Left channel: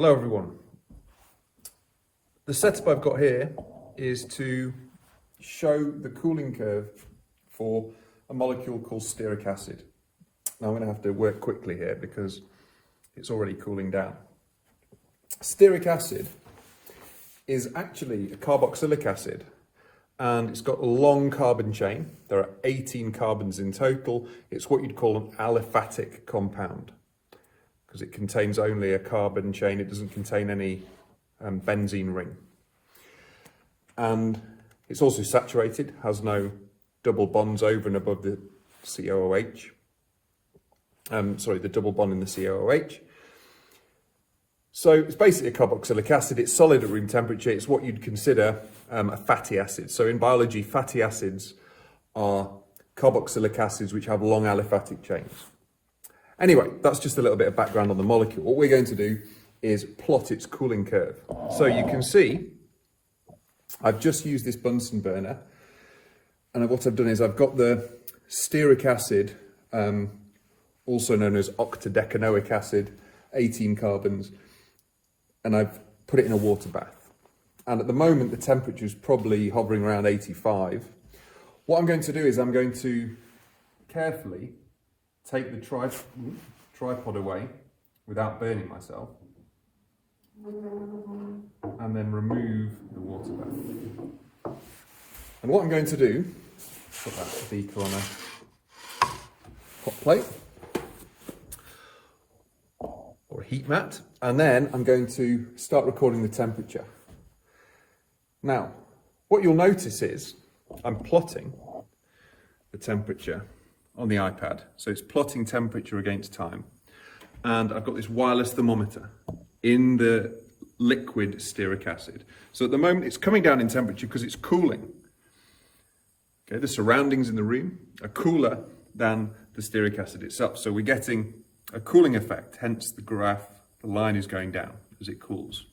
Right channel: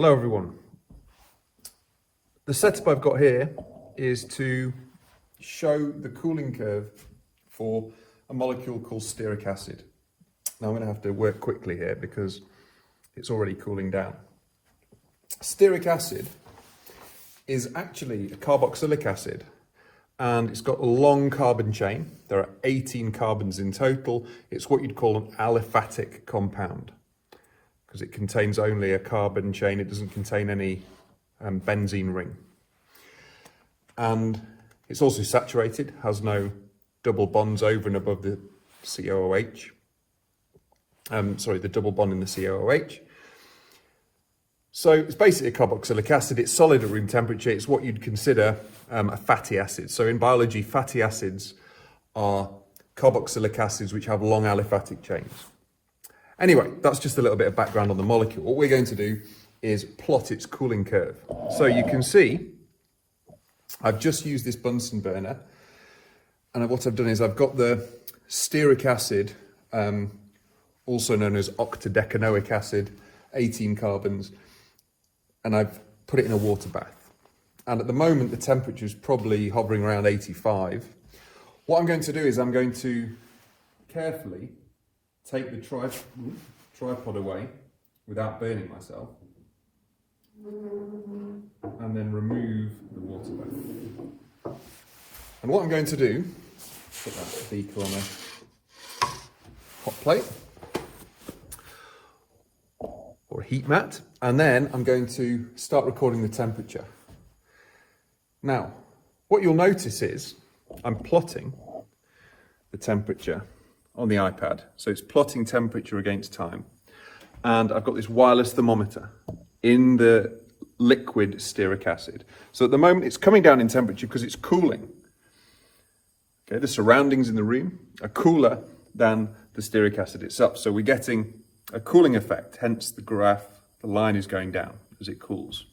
Hello everyone. The setup I've got here is to show the cooling curve for a molecule called stearic acid. Now I'm going to have to work quickly here because it's already cooling down. Stearic acid is actually a carboxylic acid and it's got a long carbon chain. There are 18 carbons in total. It's what you'd call an aliphatic compound, because it contains only a carbon chain. It doesn't contain any benzene ring. And it's also saturated, has no double bonds over and above the COOH. The double bond in the COOH. So it's basically a carboxylic acid. It's solid at room temperature. It's what you'd consider a fatty acid. So in biology, fatty acids are carboxylic acids which have long aliphatic chains. Anyway, that's just a little bit of background on the molecule. What we're going to do is plot its cooling curve. So you can see, I've just used this Bunsen burner, and what I've done is I've got the stearic acid, also known as octadecanoic acid, 18 carbons, and I've put it in a water bath. And at the moment, the temperature is probably hovering around 85. What I'm going to do is I'm going to carefully take the tripod away without burning myself, and then remove the water bath. And what I'm going to do, put that beaker on a hot plate or a heat mat, and then I'm going to start recording the temperature. Now, what you'll notice is I'm plotting the temperature on the iPad. So it's plotting temperature against time. And I've got this wireless thermometer in the liquid stearic acid. So at the moment it's coming down in temperature because it's cooling. Okay, the surroundings in the room are cooler than the stearic acid itself. So we're getting a cooling effect, hence the graph, the line is going down as it cools.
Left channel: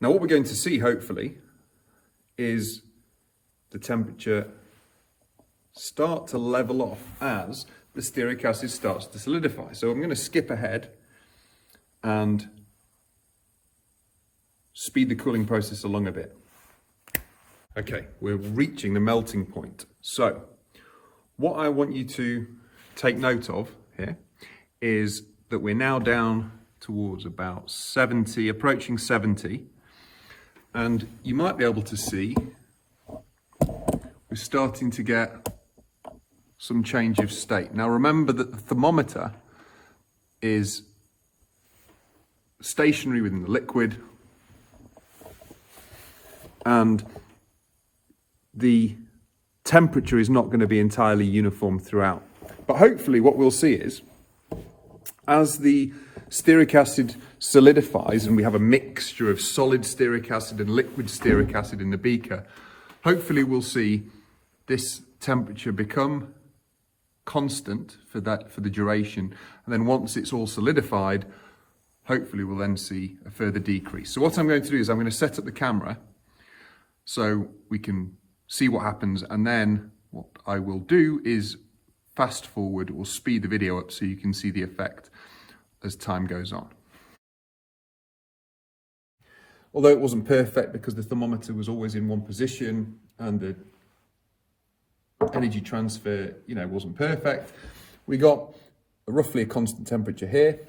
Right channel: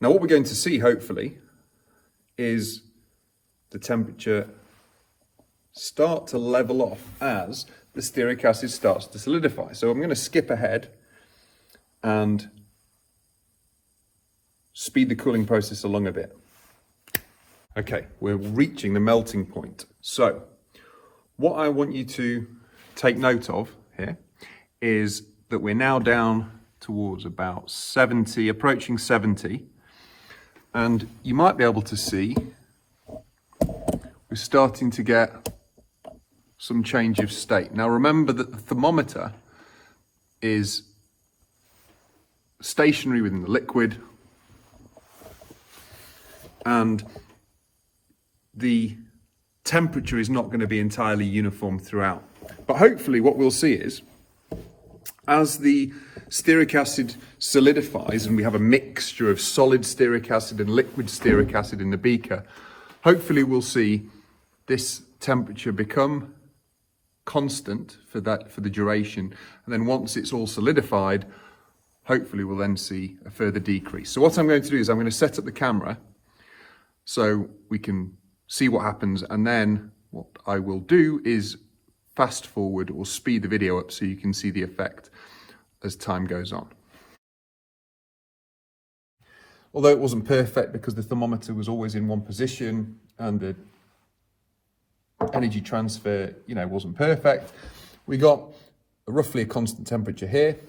Now what we're going to see, hopefully, is the temperature start to level off as the stearic acid starts to solidify. So I'm going to skip ahead and speed the cooling process along a bit. Okay, we're reaching the melting point. So what I want you to take note of here is that we're now down towards about 70, approaching 70. And you might be able to see we're starting to get some change of state. Now remember that the thermometer is stationary within the liquid, and the temperature is not going to be entirely uniform throughout. But hopefully what we'll see is, as the stearic acid solidifies and we have a mixture of solid stearic acid and liquid stearic acid in the beaker, hopefully we'll see this temperature become constant for the duration, and then once it's all solidified, hopefully we'll then see a further decrease. So what I'm going to do is I'm going to set up the camera so we can see what happens, and then what I will do is fast forward or speed the video up so you can see the effect as time goes on. Although it wasn't perfect because the thermometer was always in one position and the energy transfer, wasn't perfect, we got roughly a constant temperature here,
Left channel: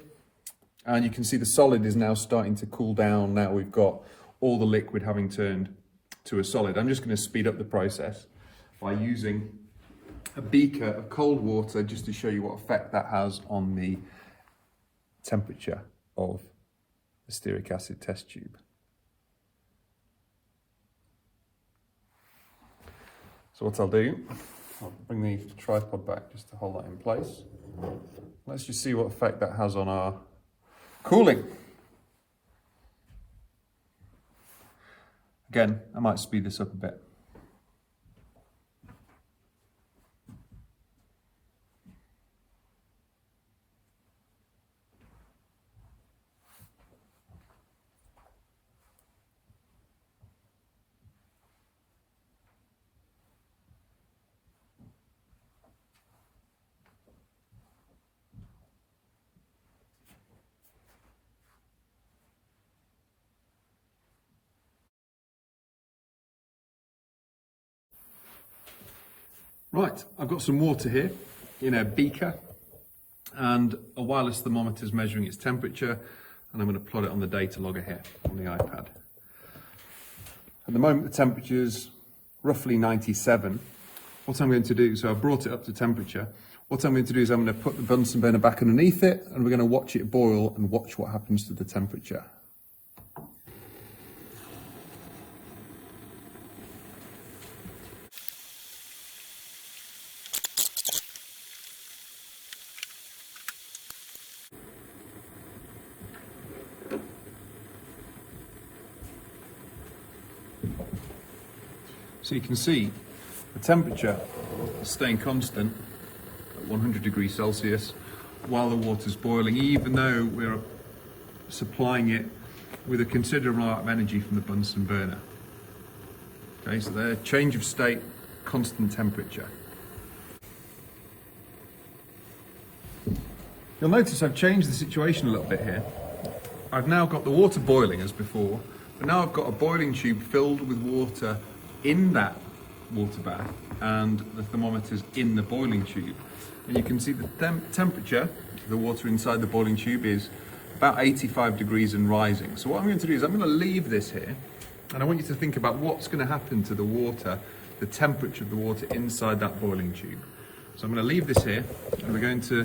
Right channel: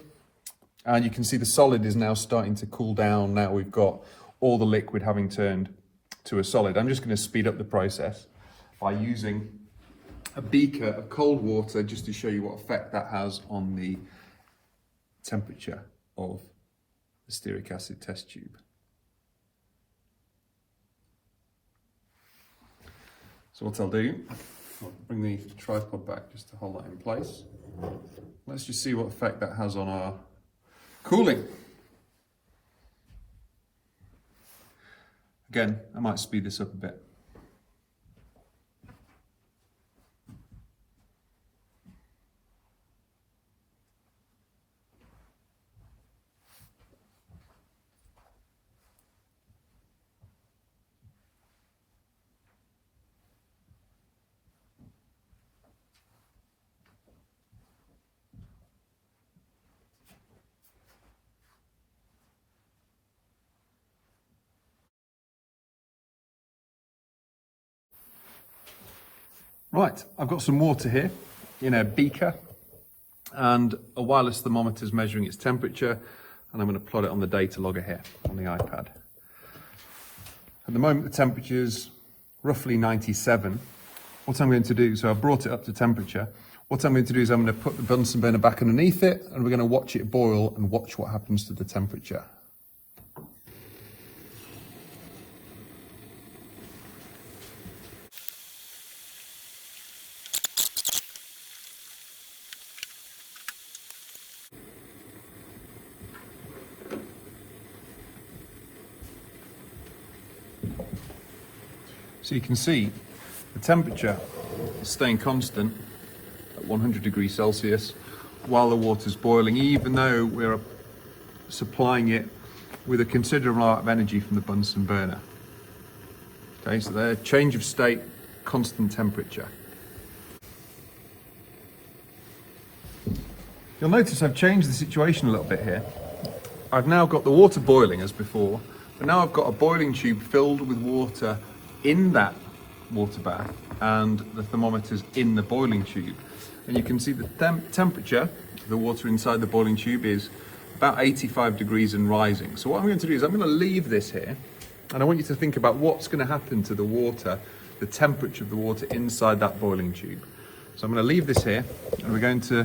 and you can see the solid is now starting to cool down. Now we've got all the liquid having turned to a solid. I'm just going to speed up the process by using a beaker of cold water just to show you what effect that has on the temperature of the stearic acid test tube. So what I'll do, I'll bring the tripod back just to hold that in place. Let's just see what effect that has on our cooling. Again, I might speed this up a bit. Right, I've got some water here in a beaker and a wireless thermometer is measuring its temperature, and I'm going to plot it on the data logger here on the iPad. At the moment the temperature is roughly 97. What I'm going to do, so I've brought it up to temperature, what I'm going to do is I'm going to put the Bunsen burner back underneath it and we're going to watch it boil and watch what happens to the temperature. So you can see the temperature is staying constant at 100 degrees Celsius while the water's boiling, even though we're supplying it with a considerable amount of energy from the Bunsen burner. Okay, so there, change of state, constant temperature. You'll notice I've changed the situation a little bit here. I've now got the water boiling as before, but now I've got a boiling tube filled with water in that water bath and the thermometer's in the boiling tube. And you can see the temperature of the water inside the boiling tube is about 85 degrees and rising. So what I'm going to do is I'm going to leave this here, and I want you to think about what's going to happen to the water, the temperature of the water inside that boiling tube. So I'm going to leave this here and we're going to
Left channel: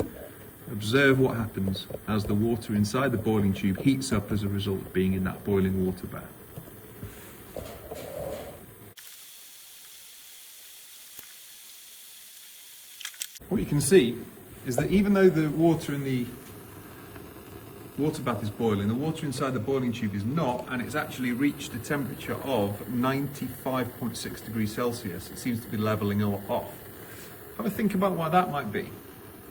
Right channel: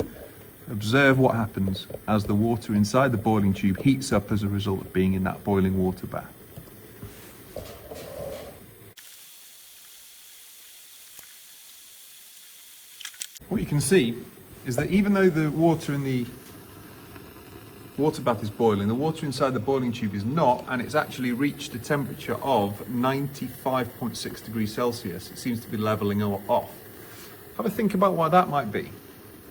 observe what happens as the water inside the boiling tube heats up as a result of being in that boiling water bath. What you can see is that even though the water in the water bath is boiling, the water inside the boiling tube is not, and it's actually reached a temperature of 95.6 degrees Celsius. It seems to be leveling off. Have a think about why that might be.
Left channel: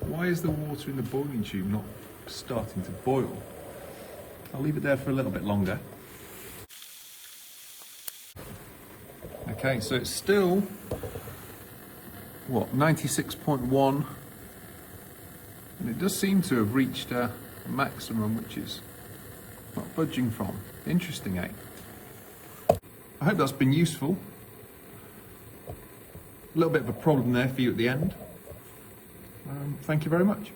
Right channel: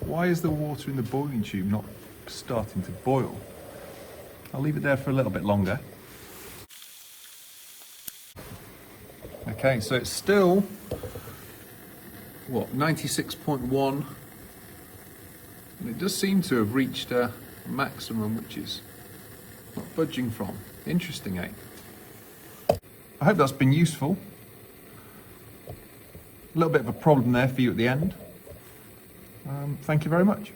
Why is the water in the boiling tube not starting to boil? I'll leave it there for a little bit longer. Okay, so it's still 96.1, and it does seem to have reached a maximum which is not budging from. Interesting, eh? I hope that's been useful. A little bit of a problem there for you at the end. Thank you very much.